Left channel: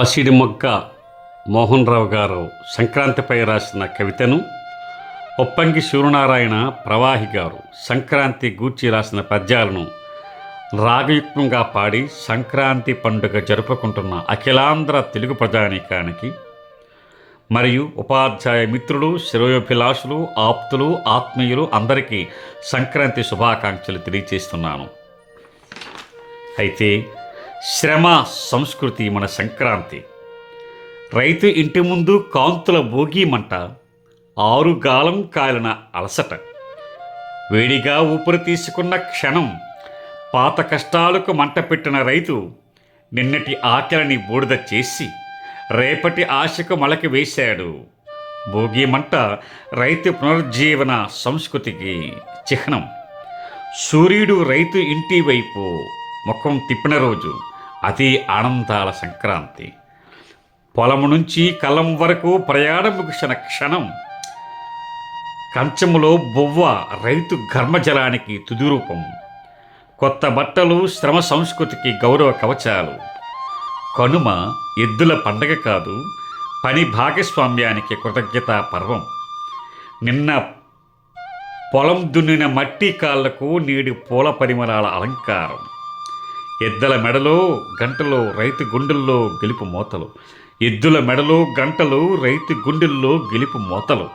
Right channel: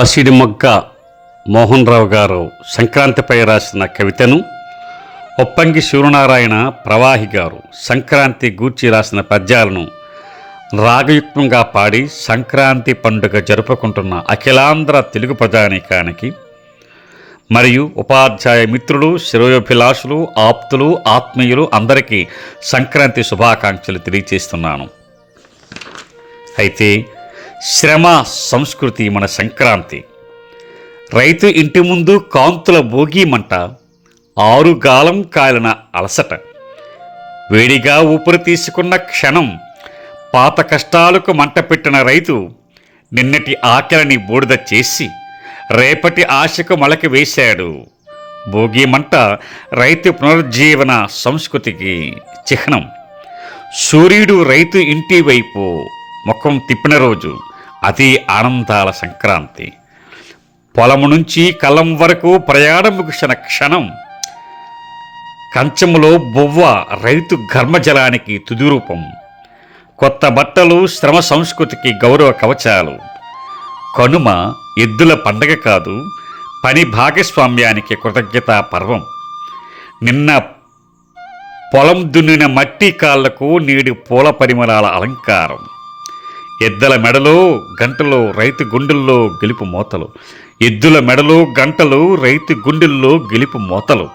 పసిడి మొగ్గ మోహన్ రావు గారు సంక్రాంతిపై రాసిన కవితను ఒప్పంగి సూర్యనారాయణ ప్రవాహి గారు సంక్రాంతి గూర్చి రాసిన పద్యాలను రాగయుక్తంగా పాడి సంక్రాంతి పండుగ జరుపుకుంటున్న అఖిలాంధ్ర తెలుగు ప్రజానీకానికి మరియు ఉపాధ్యాయ మిత్రులు శ్రేయోభిలాషులు ఆప్తులు ఆత్మీయులు అందరికీ సంక్రాంతి శుభాకాంక్షలు తెలియజేస్తున్నాను. అయితే శ్రమ సంస్కృతి మన సంక్రాంతి. రైతు ఇంటి ముందు కాంతుల భోగి మంట ఆరుగాలం కాలిన అలసట. వేడిగా ఊపిరి తీసుకున్న క్షణం పాత కష్టాలకు మంట పెట్టిన రైతు నిన్నటి ఆకలిని బూడిద చేసి రేపటి ఆశకు మొలక వేశాడు. భోగి మంట రైతు పునరుజ్జీవన సంస్కృతికి చిహ్నం. సూర్యుడు రైతు ఇంటి వైపు ముఖం తిప్పిన రోజు. అది ఆనందాల సంక్రాంతి. పొలము నుంచి కలం వరకు ప్రయాణం ముగిసిన క్షణం కంచములో బొవ్వ రైతు ఘర్మజలానికి తుదిరూపం. కొత్త బట్టలు శ్రమ సంస్కృతికి గౌరవ కవచాలు. కనుమ ఎద్దుల పండగ కాదు పని భాగస్వామ్యానికి కృతజ్ఞతా పర్వం. నిన్న పొలం దున్నిన మట్టి కాళ్ళకు నేడు పూల పరిమళాల అలంకారం. ఎద్దల మెడలో గంటలో రైతు గుండెల్లో గెలుపు మోతలు. ఎద్దుల మెడలో గంటలు రైతు గుండెల్లో గెలుపు మోతలు.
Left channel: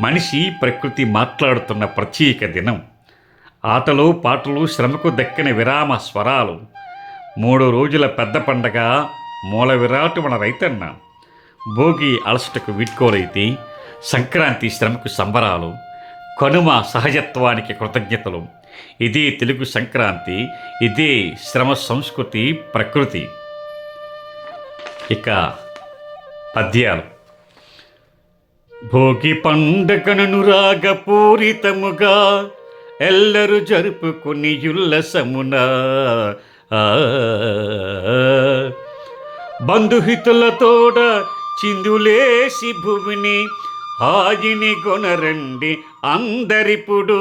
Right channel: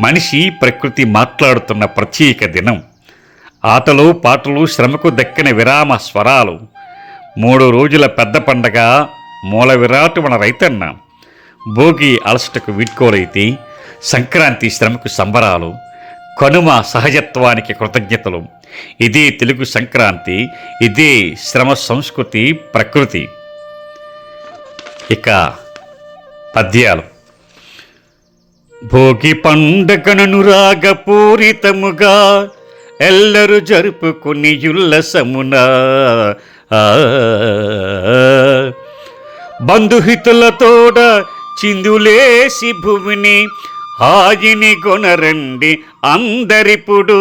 మనిషి ప్రకృతి మాట్లాడుతున్న ప్రత్యేక దినం. ఆటలు పాటలు శ్రమకు దక్కిన విరామ స్వరాలు. మూడు రోజుల పెద్ద పండగ మూల విరాటు మన రైతన్న. భోగి అలసటకు వీడ్కోలైతే సంక్రాంతి శ్రమకు సంబరాలు. కనుమ సహజత్వానికి కృతజ్ఞతలు. ఇదే తెలుగు సంక్రాంతి ఇదే శ్రమ సంస్కృతి ప్రకృతి. ఇక పద్యాలు. భోగి పండగను రాగపూరితముగా ఎల్లరు జరుపుకుని ఉల్లసమున. ఆ, బంధుహితులతోడ చిందులేసి భూమిని హాయిని కొనరండి అందరిప్పుడు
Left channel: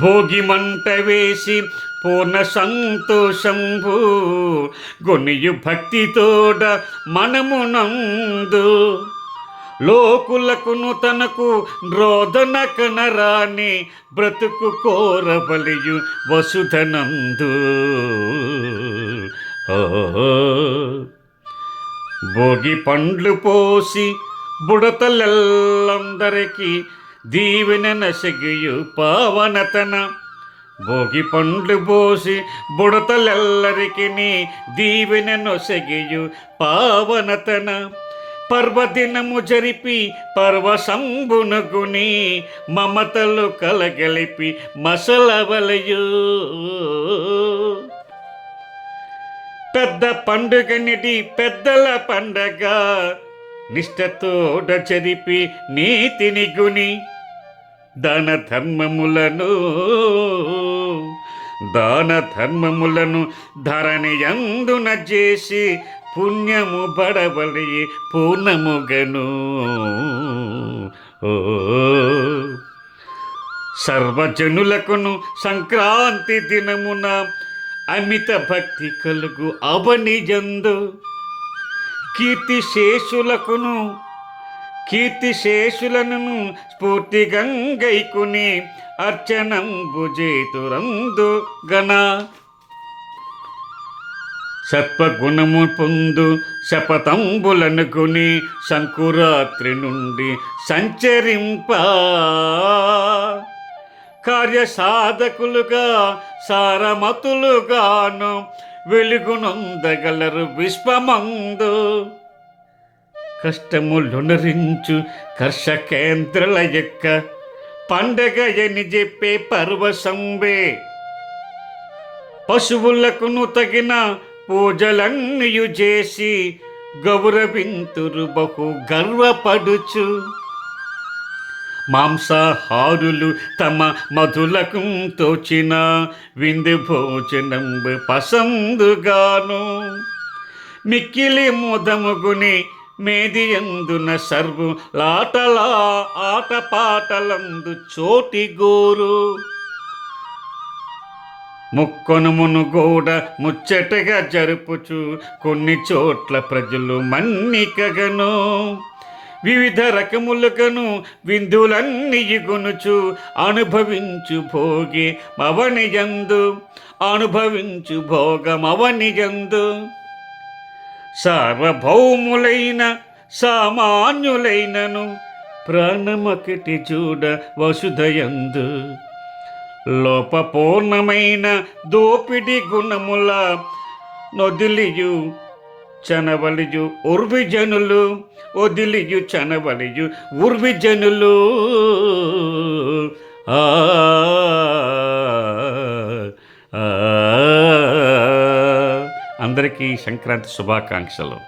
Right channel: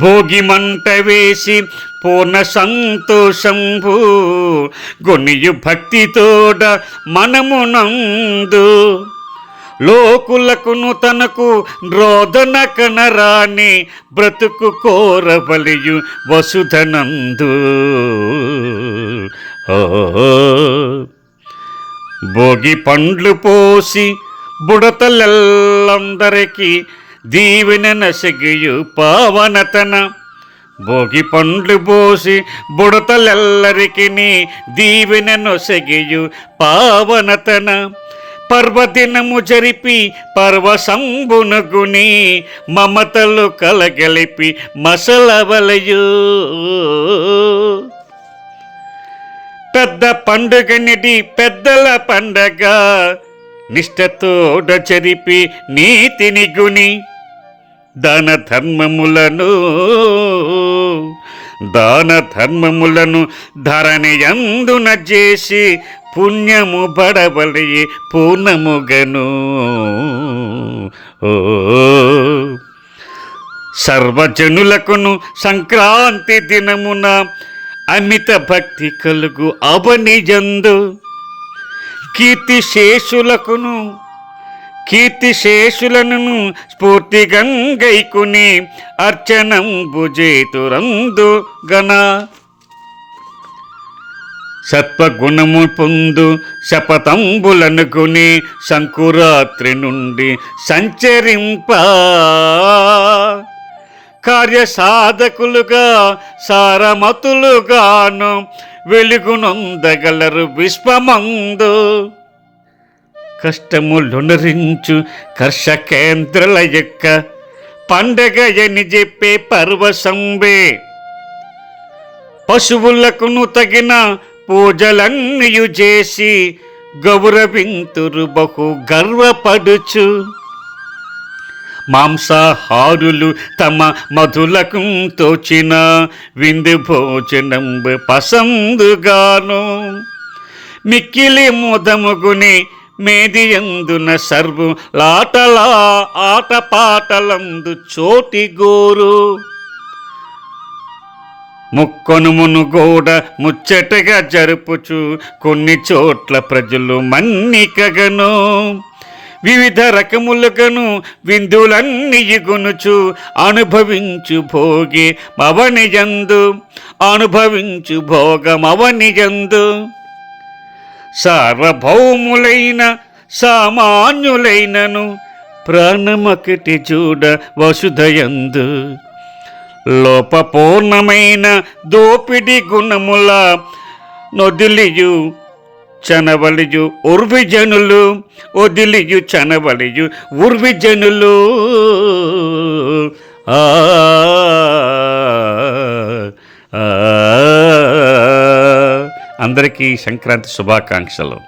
భోగి మంట వేసి పూర్ణ సంతోషంభు గొనియు భక్తితోడ మనమునందు. లోకులకును తనకు రోదన కనరాని బ్రతుకు కోరబలియు వసుధనందు. భోగి పండ్లు పోసి బుడతలెల్లందరికీ దీవెన నసగియు పావనతన. భోగి పండ్లు పోసి బుడతలెల్లరికి దీవెన నొసగియు పావనతన. పర్వదినము జరిపి పర్వసంబునగుని మమతలు కలగలిపి మసలవలయు. పెద్ద పండుగనిది పెద్దల పండగ. నిష్టతోడ చెరిపి నీతిని గుని దాన ధర్మములను దాన ధర్మములను ధరణి అందున చేసి పుణ్యము బడబలి పూర్ణముగను. ఓ సర్వజనులకును సంక్రాంతి దినమున అమిత భక్తి కలుగు అవనిజందు. కీర్తి శేషులకును కీర్తి స్ఫూర్తి గంగైకుని అర్చనం భుజేతురందు గణ. సత్వగుణము పొందు శపథంబులనుకుని శంకురాత్రి నుండి సంచరింప. కార్యసాధకులుగా సారమతులుగాను వెలుగునొందగలరు విశ్వమందు. కష్టములునరించు కర్షకేంద్రుల యొక్క పండగ అని చెప్పే పర్వసంబే పశువులకును తగిన పూజలన్నీయు చేసి గౌరవింతురు బహు గర్వపడుచు. మాంసాహారులు తమ మధులకు తోచిన విందు భోజనం పసందుగాను. మిక్కిలి ముదముగుని మేదియందున సర్వు లాటలా ఆటపాటలందు చోటి గోరు. ముక్కొనుమును గోడ ముచ్చటగా జరుపుచు కొన్ని చోట్ల ప్రజలు మన్నికగను. వివిధ రకములకను విందులన్నీగునుచు అనుభవించు భోగి మవనిజందు అనుభవించు భోగమవనిజందు సార్వభౌములైన సామాన్యులైనను ప్రాణమొకటి చూడ వసుధయందు. లోపపూర్ణమైన దోపిడి గుణముల నొదిలియు చనవలియు ఉర్విజనులు వదిలియు చనవలియు ఉర్విజనులు ఆ ఆ. అందరికీ సంక్రాంతి శుభాకాంక్షలు